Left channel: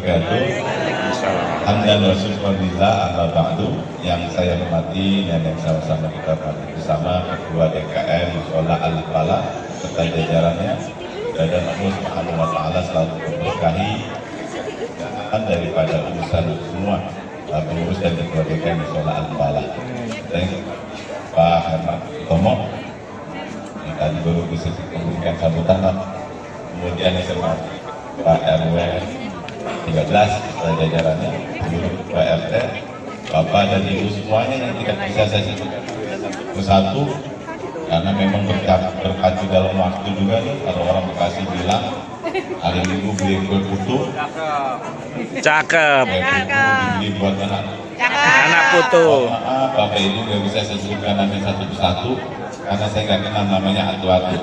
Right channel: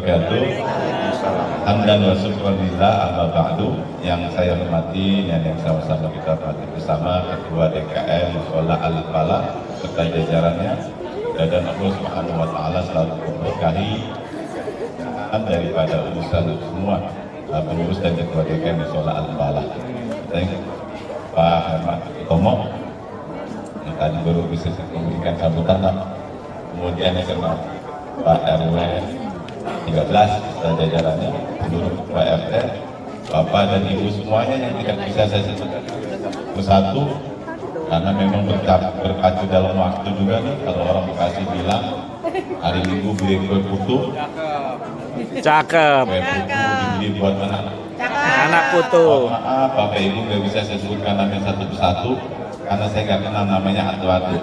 wabarakatuh. Hamdan wa syukurillah amma ba'du. Yang saya hormati dan yang sama-sama kita hormati bersama Ketua DKM Musola Al-Falah serta jajarannya, dan Allah Subhanahu wa taala selalu memberkahi dan daripada urusan semua pengurus dan Ketua DKM Musola Al-Falah. Dan Pak Ahmad Tomo yang tadi baru bisa memberikan sambutan, kemudian yang saya Pak RW 13 dan jajarannya, seluruh PRT, Bapak dan Ibu semuanya yang tidak bisa saya sebutkan satu, karena memang berkacu dalam waktu juga nih. Kalau orang Bekasi bilang hari Minggu beli kue putu, cakep, dibeli buat anak putu. Maaf, Bapak Ibu nggak bisa saya sebutkan namanya satu persatu karena saya nggak kenal namanya atu-atu.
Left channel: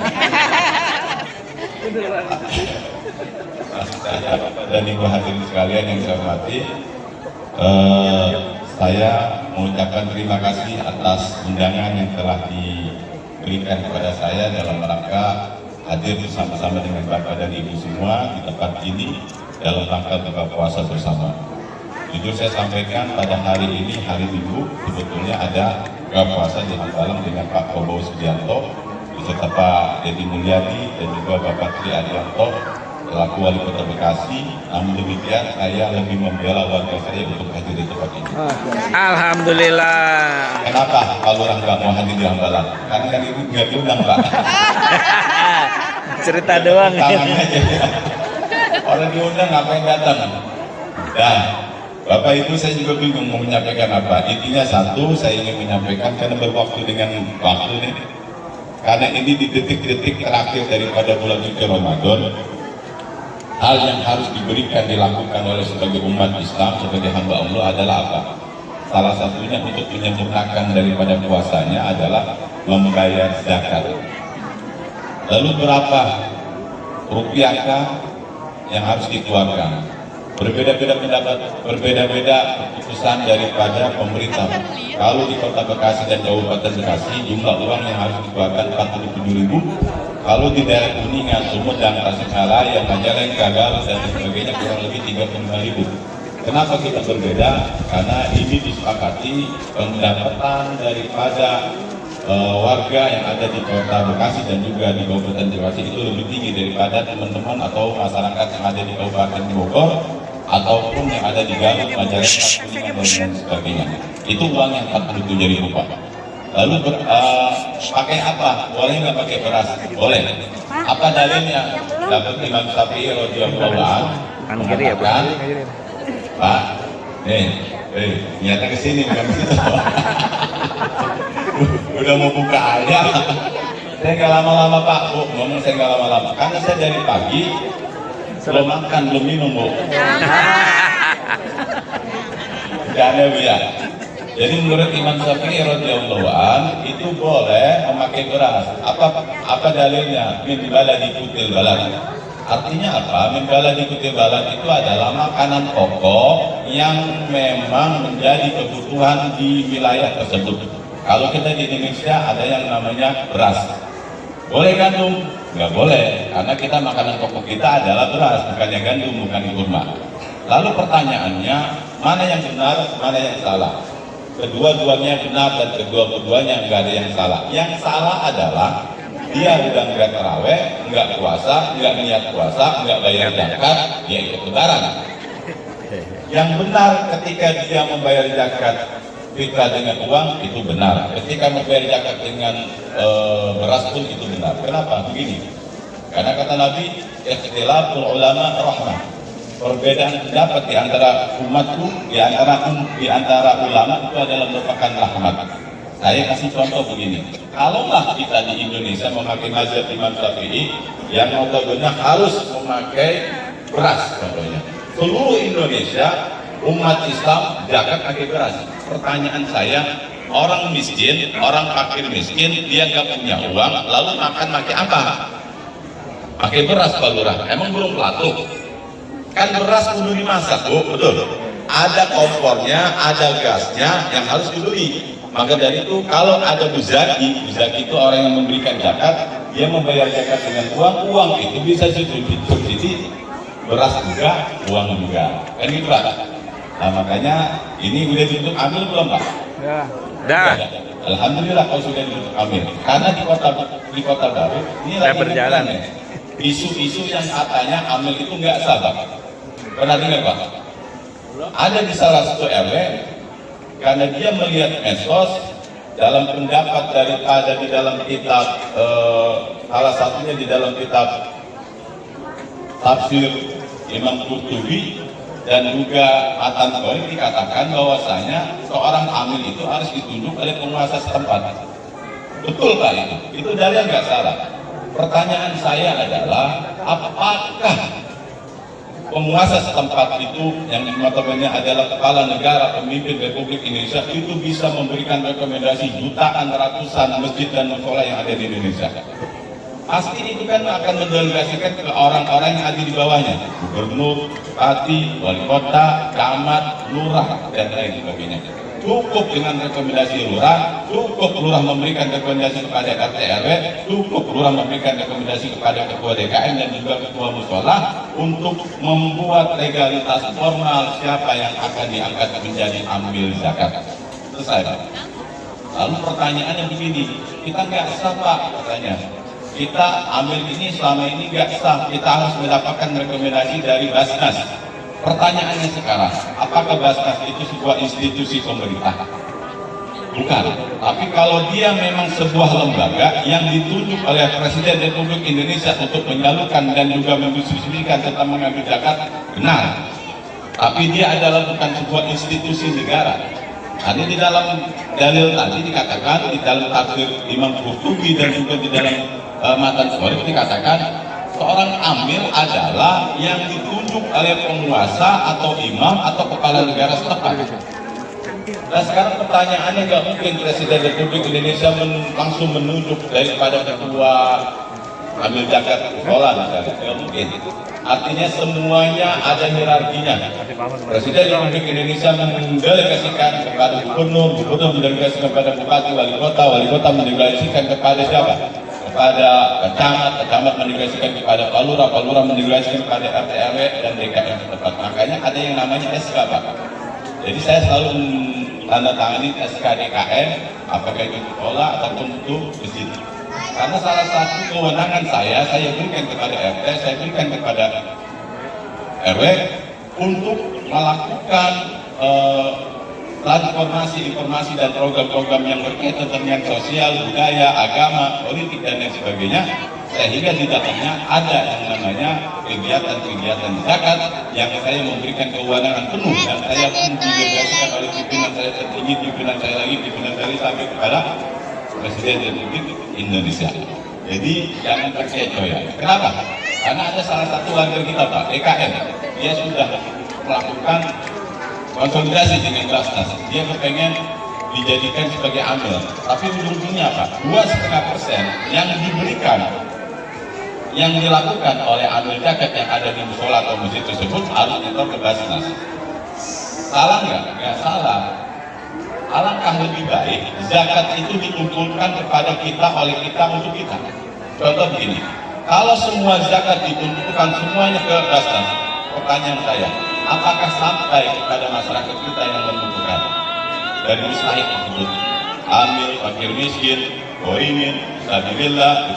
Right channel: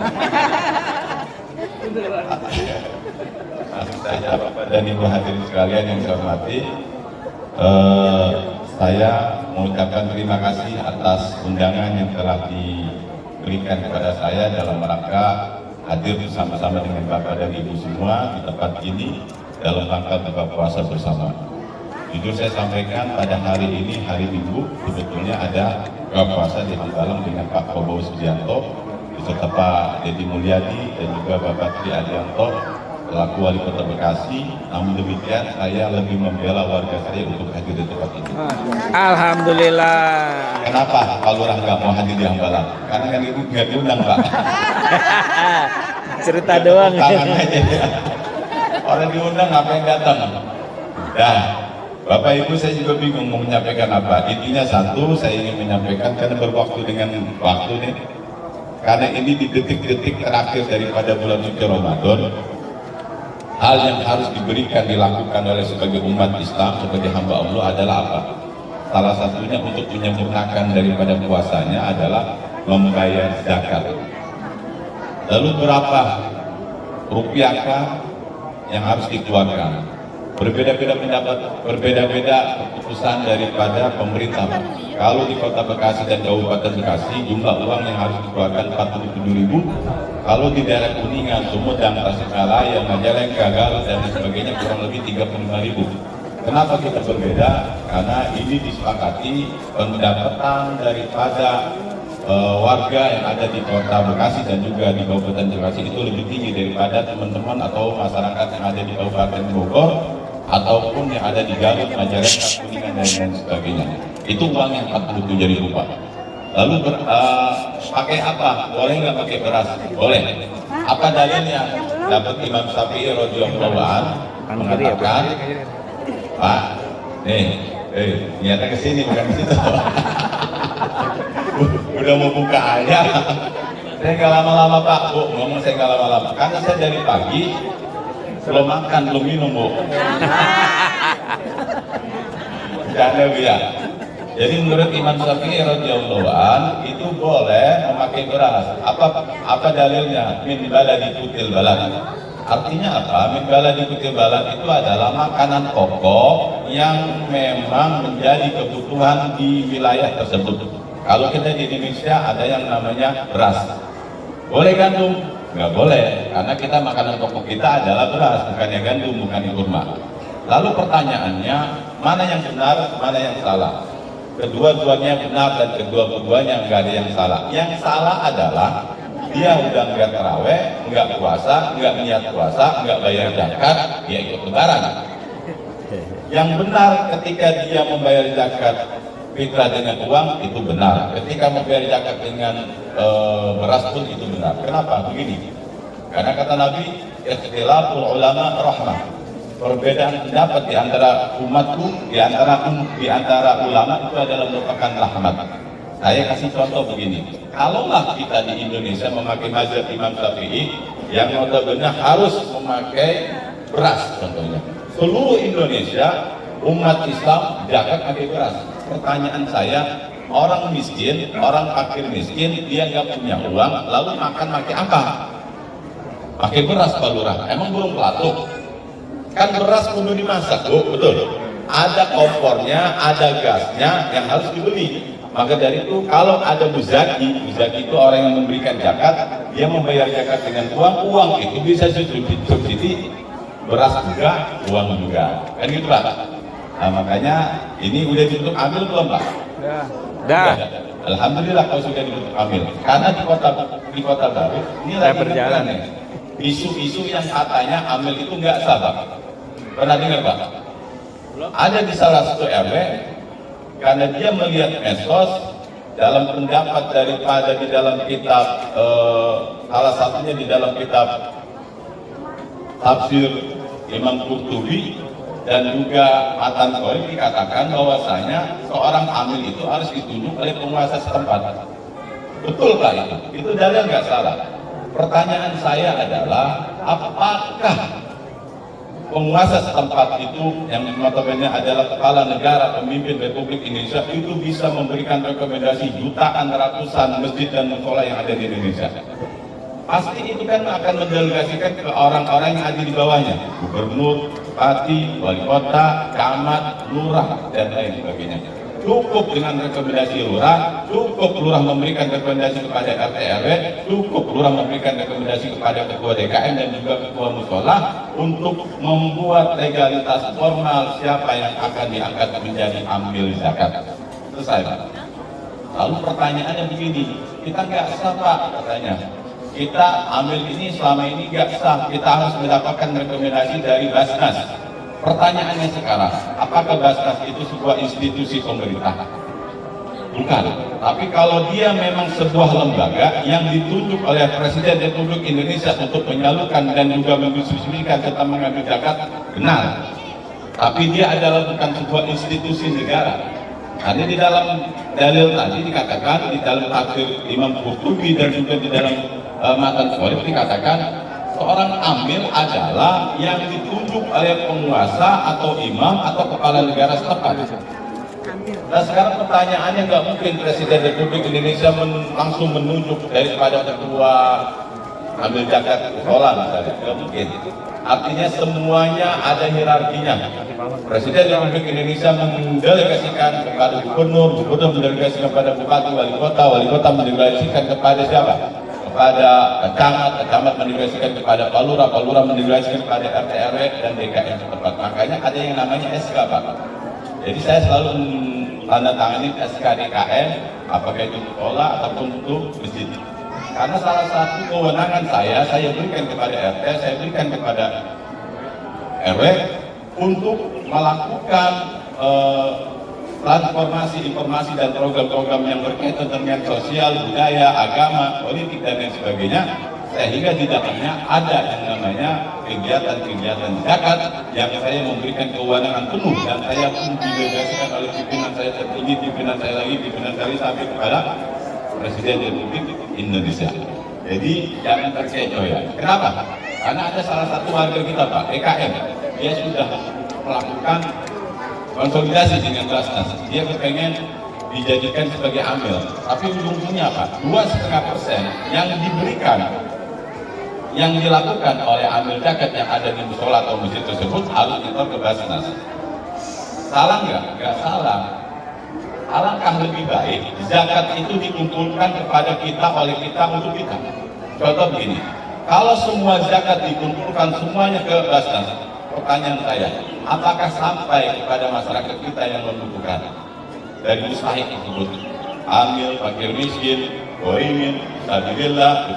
Maksud saya Bapak dan Ibu hadirin sekalian yang saya hormati, saya mengucapkan terima kasih atas undangan yang telah diberikan kepada saya dalam rangka hadir bersama-sama dengan Bapak dan Ibu semua di tempat ini dalam rangka buka puasa bersama. Jujur saya sampaikan pada hari ini, hari Minggu, sebetulnya ada buka puasa di Hambalang dengan Pak Prabowo Subianto beserta Pak Deddy Mulyadi dan juga Bapak Tri Adianto selaku Wali Kota Bekasi. Namun demikian saya lebih membela warga saya untuk hadir di tempat ini. Alhamdulillah. Kenapa kalau orang nggak mau hadir di Hambalang? Karena kan itu nggak diundang, Pak. Cerita doang. Tangan aja. Orang diundang ngapain datang? Dan Bapak Ibu, saya juga bingung mau menyampaikan apa. Intinya satu, saya ingin menyampaikan karena berwaktu dengan waktu nih. Karena ini di detik-detik terakhir daripada bulan suci Ramadan, hal yang harus diberikan dilakukan oleh sebagai umat Islam, sebagai hamba Allah adalah apa? Salah satunya untuk menyempurnakan daripada puasanya adalah membayar zakat. Lalu berapa rupiahkah yang harus dikeluarkan? Berbeda-beda pendapat, berbeda-beda keputusan daripada pemerintah. Kalau di Kota Bekasi dan Kabupaten Bekasi, jumlah uang yang harus dikeluarkan 47.000. Kalau di daerah Kuningan, Sumedang, Tasikmalaya, Majalengka, Garut dan sebagainya kurang lebih 35.000. Kenapa kita berbeda? Karena ini disepakati pendapatan daripada warga yang ada di Kota Bekasi dan juga di Kabupaten Bekasi itu lebih tinggi daripada teman-teman atau masyarakat yang ada di Kabupaten Bogor ataupun yang ada di Garut, Majalengka, Kuningan dan lain sebagainya. Itu uang yang 47.000, Pak. Lalu pakai apa? Boleh nggak pakai beras? Boleh. Apa dalilnya? Dapat Imam Syafi'i radhiyallahu anhu mengatakan, Pak, nyata kesini bukan situ. Udah mau buka aja. Saya nggak lama-lama, Pak. Bu, ngomong saya nggak lama-lama. Karena saya dari pagi belum makan, belum minum, Bu. Jadi ya. Jadi menurut Imam Syafi'i radhiyallahu anhu itu boleh memakai beras. Apa dalilnya? Min baladi kutil balad. Artinya apa? Min baladi kutil balad itu adalah makanan pokok yang memang menjadi kebutuhan di wilayah tersebut. Kalau kita di Indonesia ada yang namanya beras. Boleh gandum? Nggak boleh, karena kita makanan pokok kita adalah beras, bukannya gandum, bukan kurma. Lalu pertanyaannya, mana yang benar, mana yang salah? Kedua-duanya benar dan kedua-duanya nggak ada yang salah. Yang salah adalah dia udah nggak taraweh, nggak puasa, nggak niat puasa, nggak bayar zakat, dia ikut lebaran. Yang benar ketika dia membayar zakat fitrah dengan uang itu benar. Ketika membayar zakat dengan beras pun itu benar. Kenapa? Begini. Karena kata Nabi, ikhtilaful ulama rahmah. Perbedaan pendapat di antara umatku, di antara ulama itu adalah merupakan rahmat. Saya kasih contoh begini. Kalaulah kita di Indonesia memakai mazhab Imam Syafi'i yang notabene harus memakai beras contohnya. Seluruh Indonesia umat Islam zakat pakai beras. Pertanyaan saya, orang miskin, orang fakir miskin, dia nggak punya uang, lalu makan pakai apa? Pakai beras, Pak Lurah. Emang belum pelatuk? Kan beras kudu dimasak, Bu, betul. Ada kompornya, ada gasnya yang harus dibeli. Maka dari itu, kalau ada muzaki itu orang yang memberikan zakat, dia membayar zakat dengan uang itu bisa subsidi beras juga, uang juga. Kan gitu Pak. Nah, makanya ini udah ditutup ambil belum Pak? Dah. Alhamdulillah kalau sudah ditutup ambil. Karena di kota baru ini Saya lagi berjalan. ya. Isu-isu yang katanya ambil itu nggak sah Pak. Pernah dengar Pak? Ada di salah satu RW karena dia melihat medsos dalam pendapat daripada di dalam kitab salah satunya di dalam kitab tafsir Imam Qurtubi dan juga Matan Qawi dikatakan bahwasanya seorang amil itu harus ditunjuk oleh penguasa setempat. Betul Pak itu? Itu dalil nggak salah. Pertanyaan saya adalah apakah penguasa setempat itu yang notabene adalah kepala negara pemimpin Republik Indonesia itu bisa memberikan rekomendasi jutaan ratusan masjid dan musola yang ada di Indonesia? Pasti itu kan akan mendelegasikan ke orang-orang yang ada di bawahnya, gubernur, bupati, wali kota, camat, lurah, dan lain sebagainya. Cukup dengan rekomendasi lurah, cukup lurah memberikan rekomendasi kepada RT RW, cukup lurah memberikan rekomendasi kepada ketua DKM dan juga ketua musola untuk membuat legalitas formal siapa yang akan diangkat menjadi ambil zakat. Selesai Pak. Lalu pertanyaannya begini, kita nggak sah Pak katanya. Kita ambil ini selama ini nggak sah, kita harus mendapatkan rekomendasi dari Basnas. Pertanyaannya sekarang, apakah Basnas itu sebuah institusi pemerintah? Bukan. Tapi kalau dia memang sebuah lembaga yang ditunjuk oleh Presiden Republik Indonesia untuk menyalurkan dan juga mendistribusikan tentang mengambil zakat, benar. Tapi dia adalah bukan sebuah institusi negara. Karena di dalam dalil tadi dikatakan, di dalam tafsir Imam Qurtubi dan juga di dalam Matan Qawi dikatakan seorang amil adalah yang ditunjuk oleh penguasa atau imam atau kepala negara setempat. Nah sekarang pertanyaannya nggak mungkin Presiden Republik Indonesia langsung menunjuk daripada ketua ambil zakat sekolah misalnya, nggak mungkin. Artinya semuanya ada hierarkinya. Presiden Republik Indonesia mendelegasikan kepada gubernur, gubernur mendelegasikan kepada bupati, wali kota mendelegasikan kepada siapa? Kepada camat mendelegasikan kepada Pak Lurah mendelegasikan kepada RT RW dan DKM setempat. Makanya ada yang namanya SK Pak. Jadi saya selalu tanda-tangani SK DKM, apakah itu sekolah ataupun untuk masjid. Karena salah satu kewenangan saya berikan kepada RT, saya berikan kepada RW untuk melakukan transformasi informasi dan program-program yang berkaitan dengan sosial, budaya, agama, politik dan lain sebagainya, sehingga di dalamnya ada yang namanya kegiatan-kegiatan zakat yang saya memberikan kewenangan penuh dan saya pun didelegasikan oleh pimpinan saya tertinggi, pimpinan saya lagi, pimpinan saya sampai kepada Presiden Republik Indonesia. Jadi jangan percaya. Kenapa? Karena ada salah satu warga kita Pak, DKM, dia sudah melakukan konsolidasi dengan Basnas. Dia kepengen dijadikan sebagai amil, tapi ujung-ujungnya Pak, 2,5% yang diberikan, yang dilakukan oleh amil zakat yang ada di musola atau masjid tersebut harus nyetor ke Basnas. Salah nggak? Nggak salah. Alangkah lebih baik zakat itu dikumpulkan kepada kita, oleh kita, untuk kita. Contoh begini, kalau semua zakat dikumpulkan semuanya ke Basnas, pertanyaan saya, apakah sampai kepada masyarakat kita yang membutuhkan dari mustahik tersebut? Amil, fakir miskin, goimin, sabilillah,